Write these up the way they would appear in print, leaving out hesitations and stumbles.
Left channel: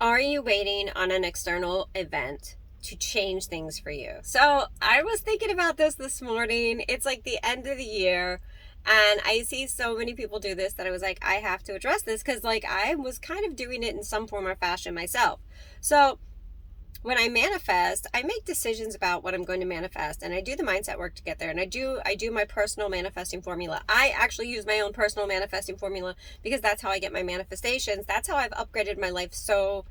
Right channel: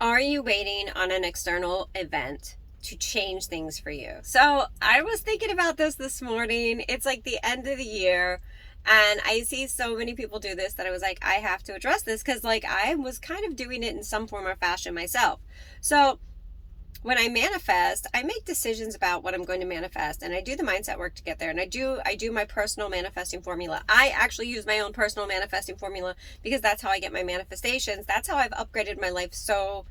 Are you waiting on an external event to change things for you? So I was thinking about this morning. It's like the end of the year, and I see so many people do this that I was like, I have to address this because, like, I was kind of doing it in some form or fashion myself. So when I manifest, I make decisions about what I'm going to manifest, and I do the mindset work to get there. And I do my personal manifesting formula. I actually use my own personal manifesting formula because that's how I get my manifestations. That's how I've upgraded my life so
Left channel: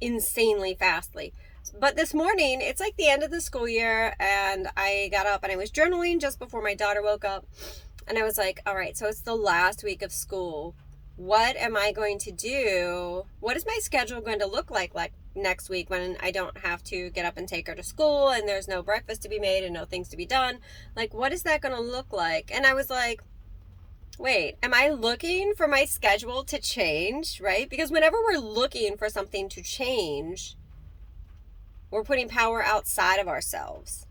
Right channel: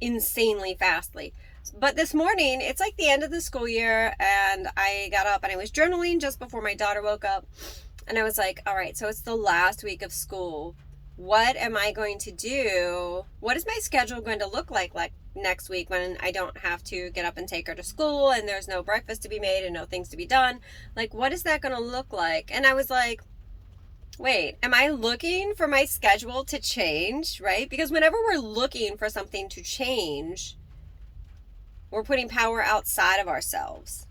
insanely fastly. But this morning, it's like the end of the school year, and I got up and I was journaling just before my daughter woke up. And I was like, all right, so it's the last week of school. What am I going to do? What is my schedule going to look like next week when I don't have to get up and take her to school and there's no breakfast to be made and no things to be done? Like, what is that going to look like? And I was like, wait, am I looking for my schedule to change, right? Because whenever we're looking for something to change, we're putting power outside of ourselves.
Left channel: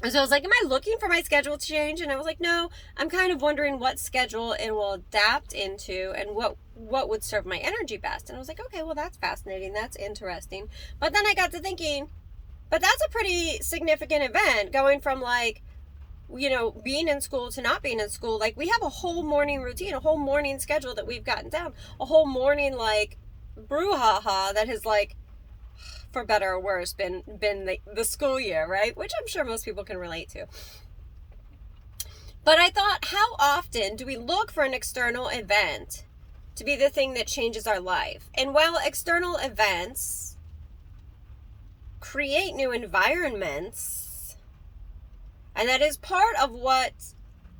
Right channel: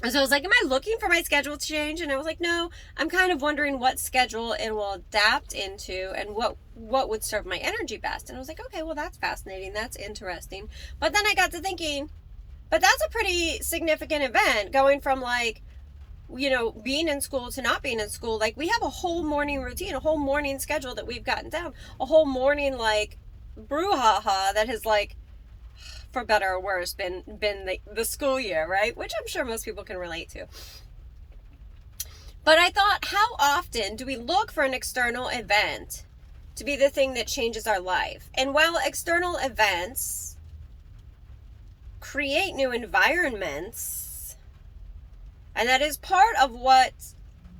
And so I was like, am I looking for my schedule to change? And I was like, no, I'm kind of wondering what schedule it will adapt into and what would serve my energy best. And I was like, okay, well, that's fascinating. That's interesting. But then I got to thinking, but that's a pretty significant event going from like, being in school to not being in school. Like, we have a whole morning routine, a whole morning schedule that we've gotten down, a whole morning, like, brouhaha that has, like, for better or worse, been the school year, right? Which I'm sure most people can relate to. But I thought, how often do we look for an external event to be the thing that changes our life? And while external events create new environments, and that is part of what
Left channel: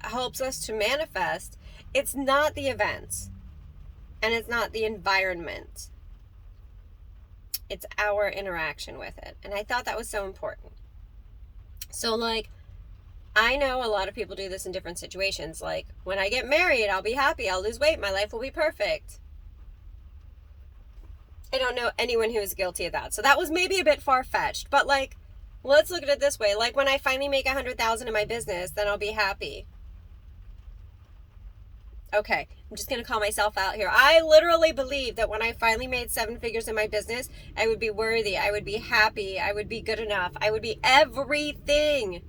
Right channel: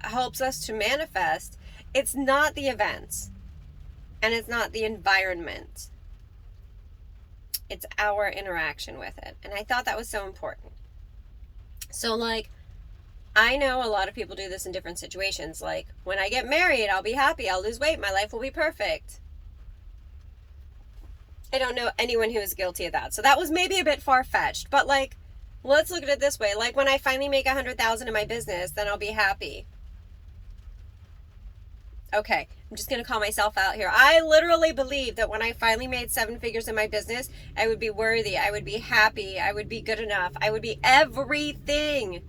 helps us to manifest, it's not the events and it's not the environment. It's our interaction with it. And I thought that was so important. So, like, I know a lot of people do this in different situations. Like, when I get married, I'll be happy, I'll lose weight, my life will be perfect. I don't know anyone who is guilty of that. So that was maybe a bit far-fetched. But, like, let's look at it this way. Like, when I finally make 100,000 in my business, then I'll be happy. Okay, I'm just going to call myself out here. I literally believe that when I finally made 7 figures in my business, I would be worthy, I would be happy, I would be good enough, I would be everything.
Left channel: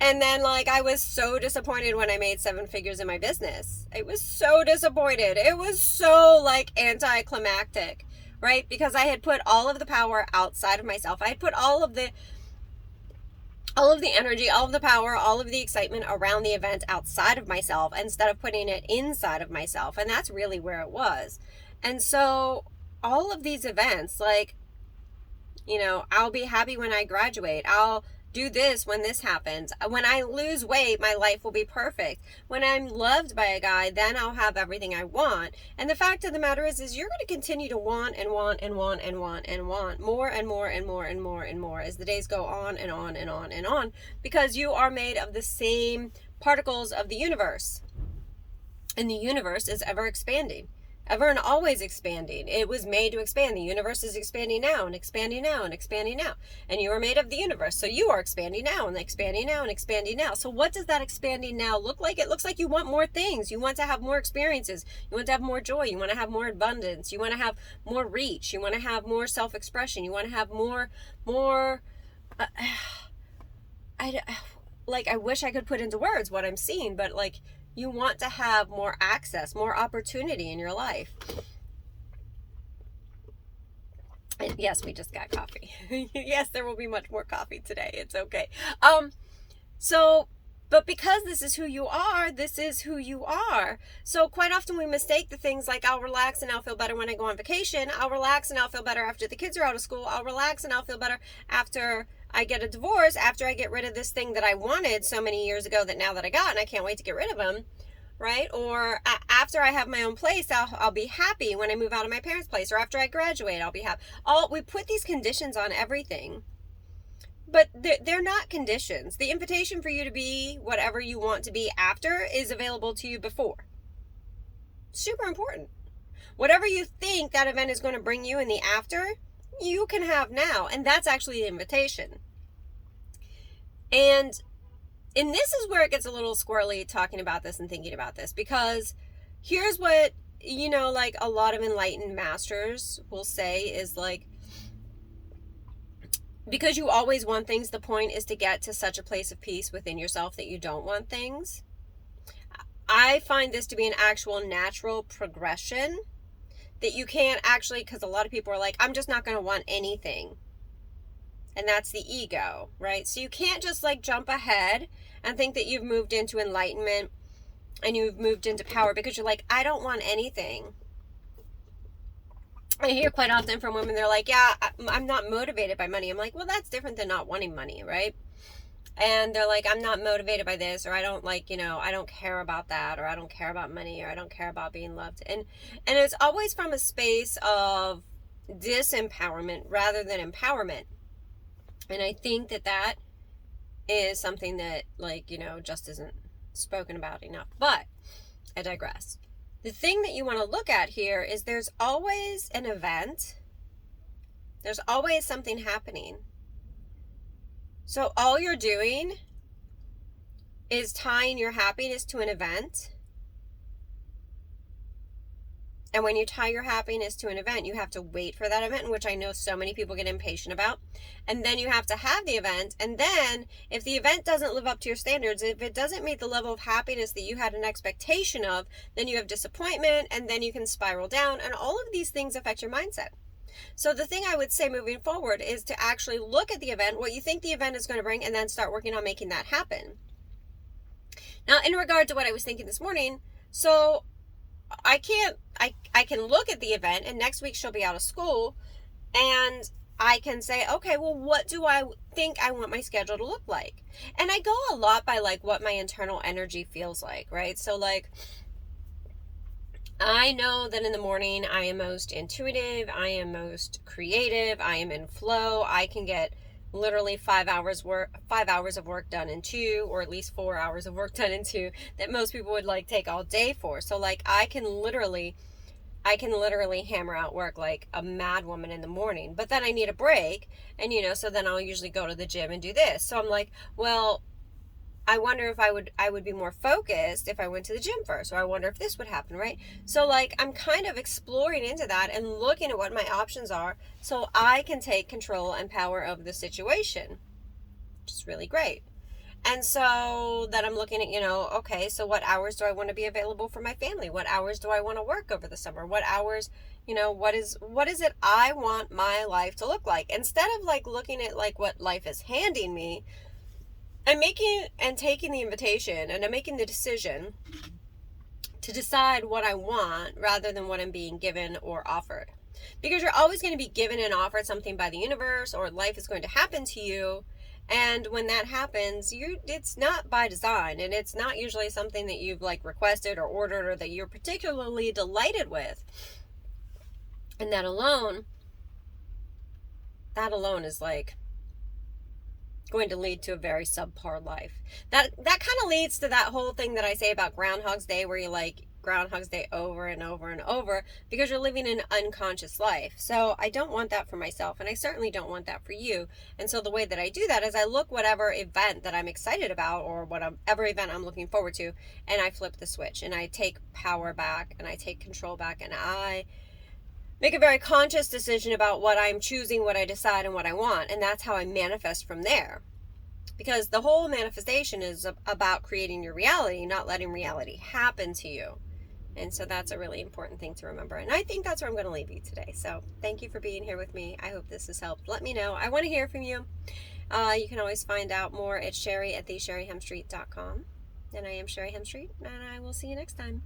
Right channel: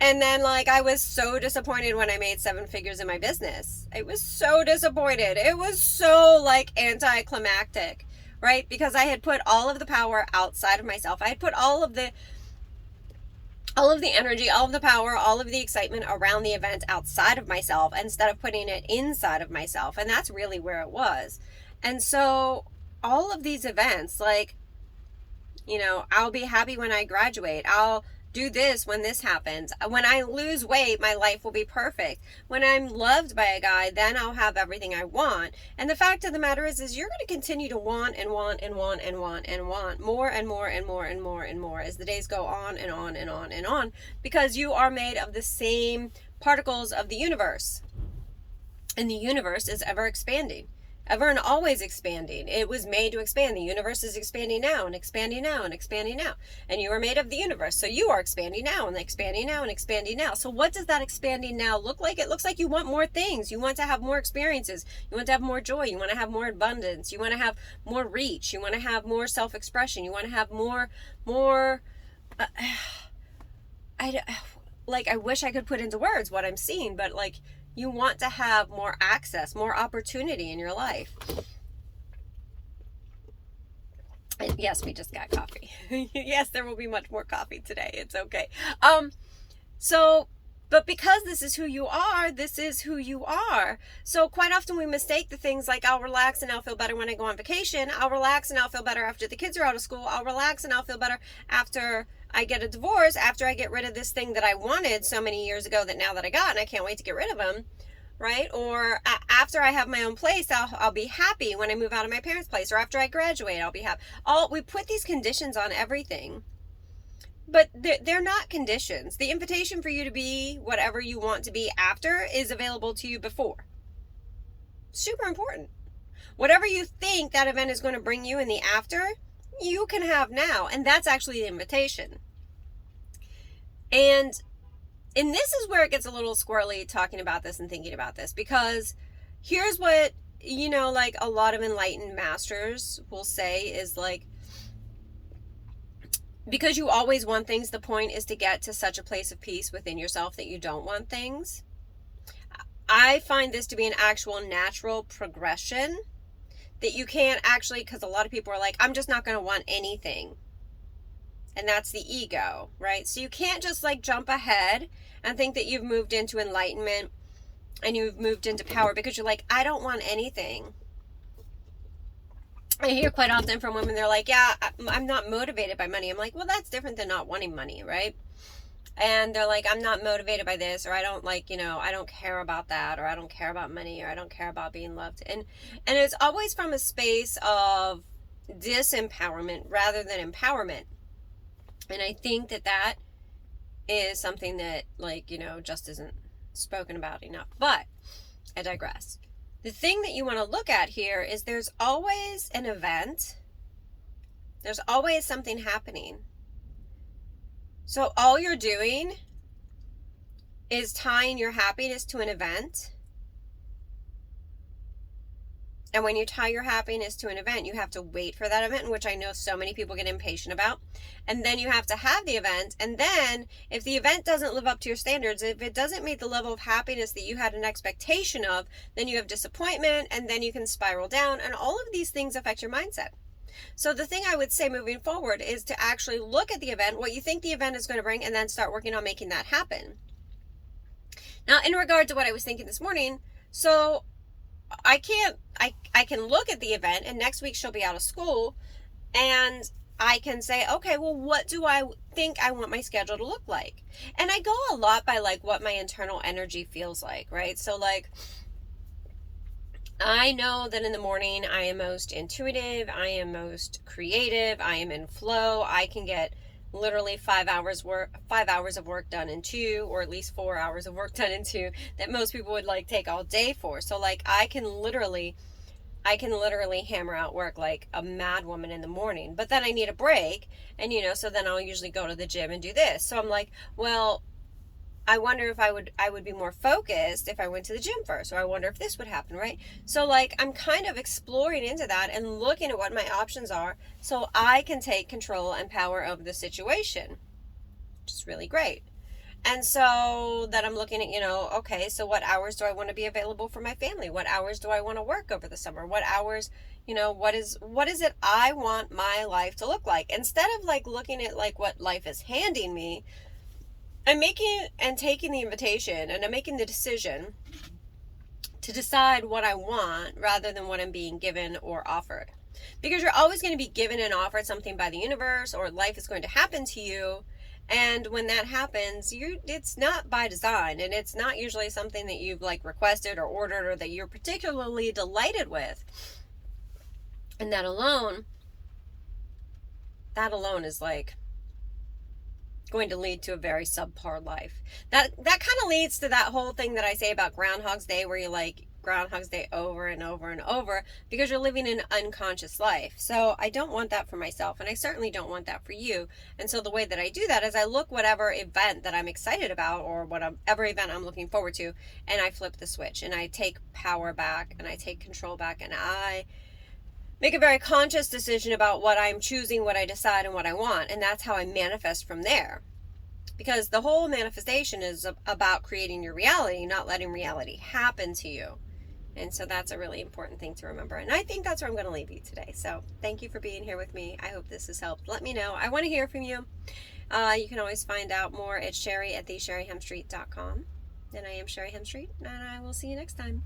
And then, like, I was so disappointed when I made 7 figures in my business. I was so disappointed. It was so, like, anticlimactic, right? Because I had put all of the power outside of myself. I had put all of the energy, all of the power, all of the excitement around the event outside of myself instead of putting it inside of myself. And that's really where it was. And so all of these events, like, I'll be happy when I graduate. I'll do this when this happens. When I lose weight, my life will be perfect. When I'm loved by a guy, then I'll have everything I want. And the fact of the matter is you're going to continue to want and want and want and want and want more and more and more and more and more as the days go on and on and on and on, because you are made of the same particles of the universe. And the universe is ever expanding. Ever and always expanding. It was made to expand. The universe is expanding now and expanding now and expanding now. And you are made of the universe. So you are expanding now and expanding now and expanding now. So what does that expanding now look like? It looks like you want more things. You want to have more experiences. You want to have more joy. You want to have more abundance. You want to have more reach. You want to have more self-expression. You want to have more, I wish I could put into words what I'm seeing, but like, you want to have more access, more opportunity in your life. Yes, we just got coffee. Yes, there will be much more coffee today. It's okay. But because this is who you are, this is who you are. So quite often we mistake the things like, I'll relax and I'll feel better when I go on vacation. I'll relax and I'll feel better after the kids are out of school. I'll relax and I'll feel better after I get a divorce, after I get rid of this thing that I wanted so many years ago that now that I got and I can't wait to get rid of them, right? Or after I have my own place, I'll be happy when I move out of my parents' place, or after I graduate, I'll be happy. We put these conditions on everything, but they're not conditions. The invitation for you to be whatever you want to be after is available to you before. Super important. Whatever you think that event is going to bring you in the after, you can have now. And that's actually the invitation. And this is where it gets a little squirrely talking about this and thinking about this, because here's what you know, like a lot of enlightened masters will say is like, because you always want things, the point is to get to such a place of peace within yourself that you don't want things. I find this to be an actual natural progression that you can't actually, because a lot of people are like, I'm just not going to want anything. And that's the ego, right? So you can't just like jump ahead and think that you've moved into enlightenment and you've moved into power because you're like, I don't want anything. I hear quite often from women, they're like, yeah, I'm not motivated by money. I'm like, well, that's different than not wanting money, right? And they're like, I'm not motivated by this, or I don't like, you know, I don't care about that, or I don't care about money, or I don't care about being loved. And it's always from a space of disempowerment rather than empowerment. And I think that that is something that, like, you know, just isn't spoken about enough. But I digress. The thing that you want to look at here is there's always an event. There's always something happening. So all you're doing is tying your happiness to an event. And when you tie your happiness to an event, you have to wait for that event, which I know so many people get impatient about. And then you have to have the event. And then if the event doesn't live up to your standards, if it doesn't meet the level of happiness that you had an expectation of, then you have disappointment, and then you can spiral down. And all of these things affect your mindset. So the thing I would say moving forward is to actually look at the event, what you think the event is going to bring, and then start working on making that happen. Now, in regard to what I was thinking this morning, so I can look at the event, and next week she'll be out of school, and I can say, okay, well, what do I think I want my schedule to look like? And I go a lot by like what my internal energy feels like, right? So like, I know that in the morning I am most intuitive, I am most creative, I am in flow. I can get literally 5 hours of work done in 2, or at least 4 hours of work done in 2, that most people would like take all day for. So like I can literally hammer out work like a mad woman in the morning, but then I need a break, and you know, so then I'll usually go to the gym and do this. So I'm like, well, I wonder if I would be more focused if I went to the gym first, or I wonder if this would happen, right? So like I'm kind of exploring into that and looking at what my options are so I can take control and power of the situation, which is really great. And so that I'm looking at, you know, okay, so what hours do I want to be available for my family? What hours do I want to work over the summer? What hours, you know, what is it I want my life to look like? Instead of like looking at like what life is handing me, I'm taking the invitation, and I'm making the decision to decide what I want rather than what I'm being given or offered. Because you're always going to be given and offered something by the universe, or life is going to happen to you. And when that happens, it's not by design, and it's not usually something that you've like requested or ordered or that you're particularly delighted with. And that alone is like going to lead to a very subpar life. That kind of leads to that whole thing that I say about Groundhog's Day, where you like Groundhog's Day over and over and over because you're living an unconscious life. So I don't want that for myself, and I certainly don't want that for you. And so the way that I do that is I look whatever event that I'm excited about, or whatever event I'm looking forward to, and I flip the switch, and I take power back, and I take control back, and I make a very conscious decision about what I'm choosing, what I decide, and what I want. And that's how I manifest from there. Because the whole manifestation is about creating your reality, not letting reality happen to you. And so that's a really important thing to remember. And I think that's where I'm going to leave you today. So thank you for being here with me. I hope this has helped. Let me know. I want to hear from you. You can always find out more at Sherry at thesherryhemstreet.com. And I am Sherry Hemstreet, and I will see you next time.